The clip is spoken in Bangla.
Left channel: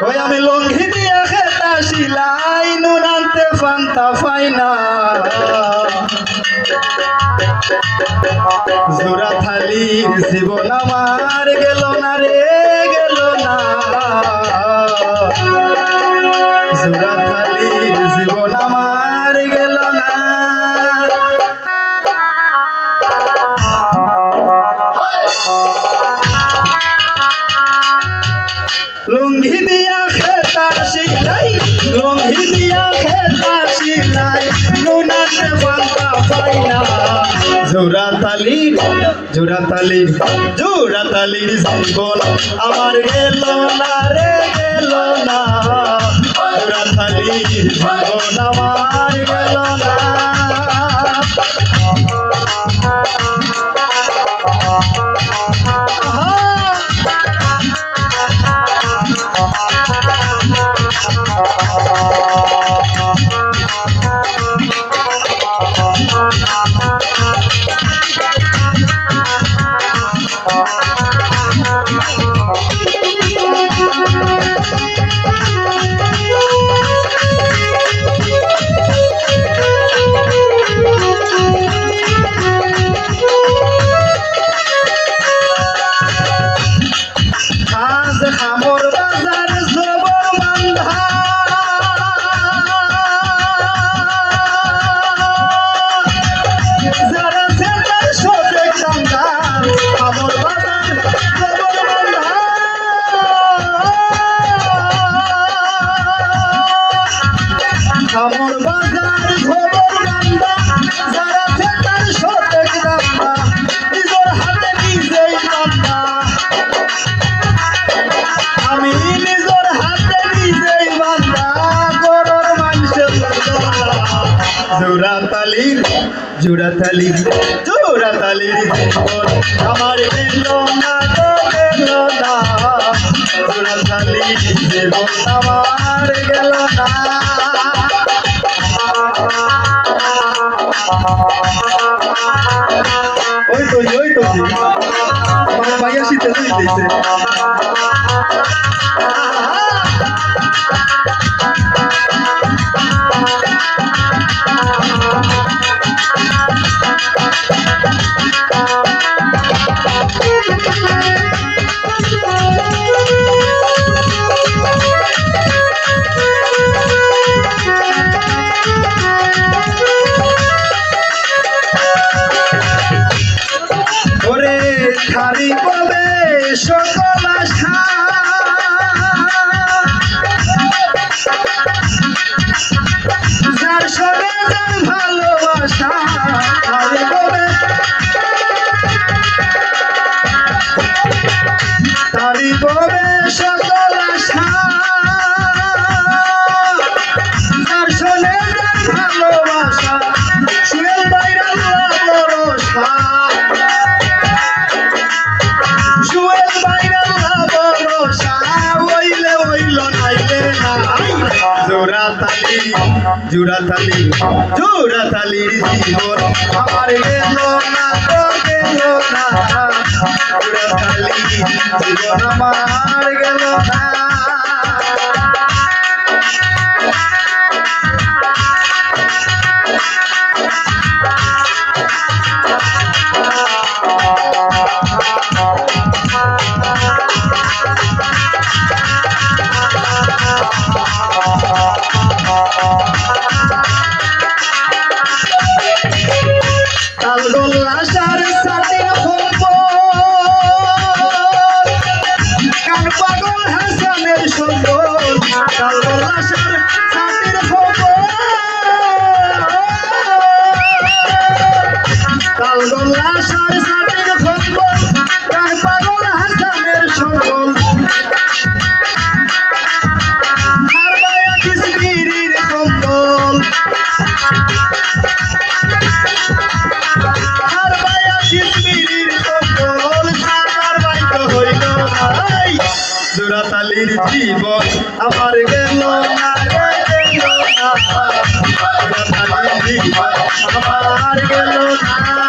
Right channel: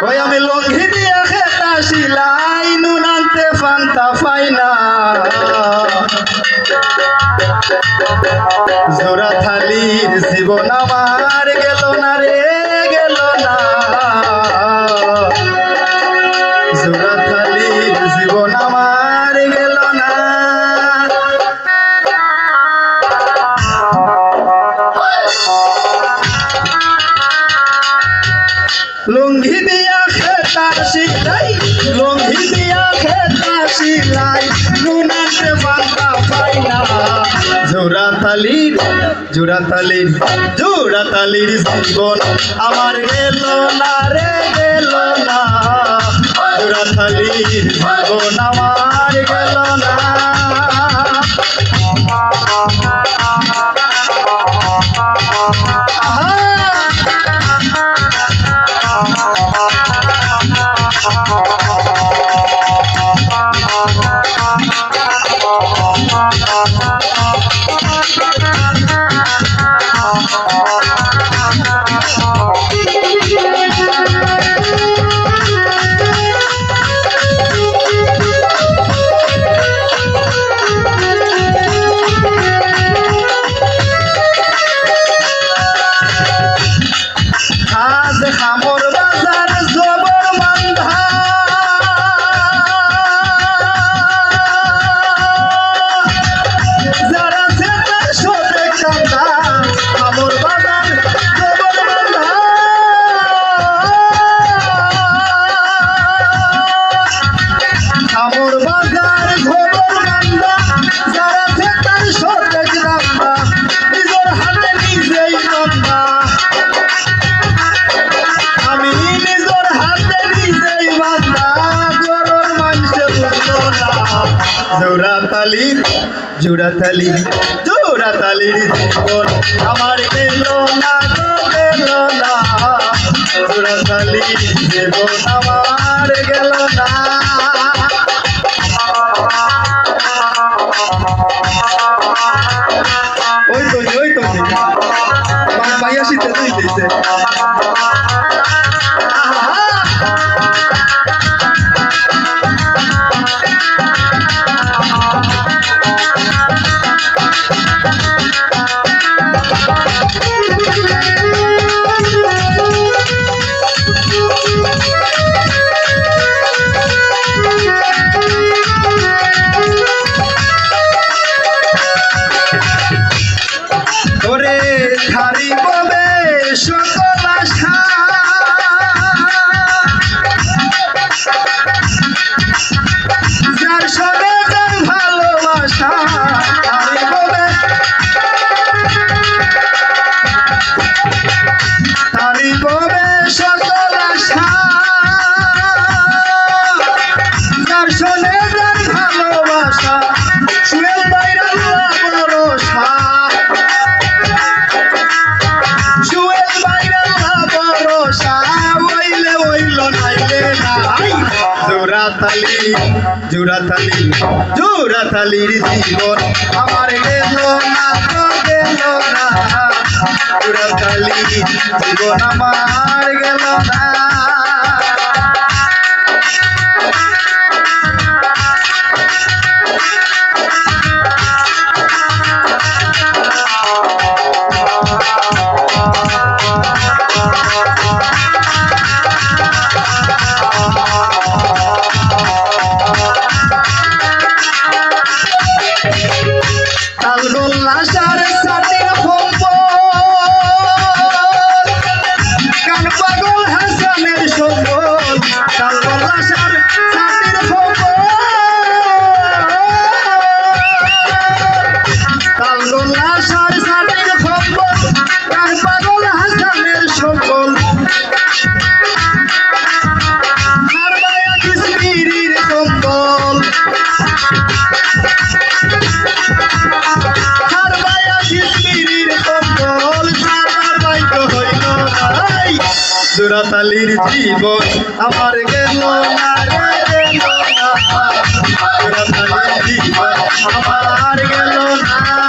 ওই আমি লঙ্ঘি দিয়া খেতা শিলাই নুন আনতে ফান্তা ফাইনা জোড়া থালির জীবন আমার গেল না রে গেল না জোড়া থালির জীবন আমার গেল না লুঙ্গি দিয়া খেতা শিলাই লুঙ্গি দিয়া খেতা শিলাই নুনাতে বাঁধা পাইনা জোড়া তালির জীবন আমার গেল না রে গেল না জোড়া তালির জীবন আমার গেল না আমর বাজার জবর বান্ধা যারা সেটার সবে কান্দা আমর বাজার জবর বান্ধা আমর বাজার জবর বান্ধা যারা সেটার সবে কান্দা নিজের হাতে নিজেই কান্দা আমি নিজের হাতে নিজেই বাঁধা গরর মানুষে জোড়া তালির জীবন আমার গেল না তো গেল না জোড়া তালির জীবন আমার গেল না ওই তো ভাইয়া শীতে দিতেছে ওরে খালি ববে সকল আশা যার সবে যার ভালোবাসা খালি ববে খালি ববে সকল আশা যার সবে যার ভালোবাসা শুয়ে বাইরে ভরসা জোড়া তালির জীবন আমার গেল না তো গেল না জোড়া তালির জীবন আমার গেল না তালগোল্লাসার সাথে কান পাগল হাসানের সম্বল তালগোল্লাসার সাথে তালগোল্লাসার সাথে কান পাগল হাসানের সম্বল আর মায়া কিসমিরির কম্বল জোড়া তালির জীবন আমার গেল না রে গেল না জোড়া তালির জীবন আমার গেল না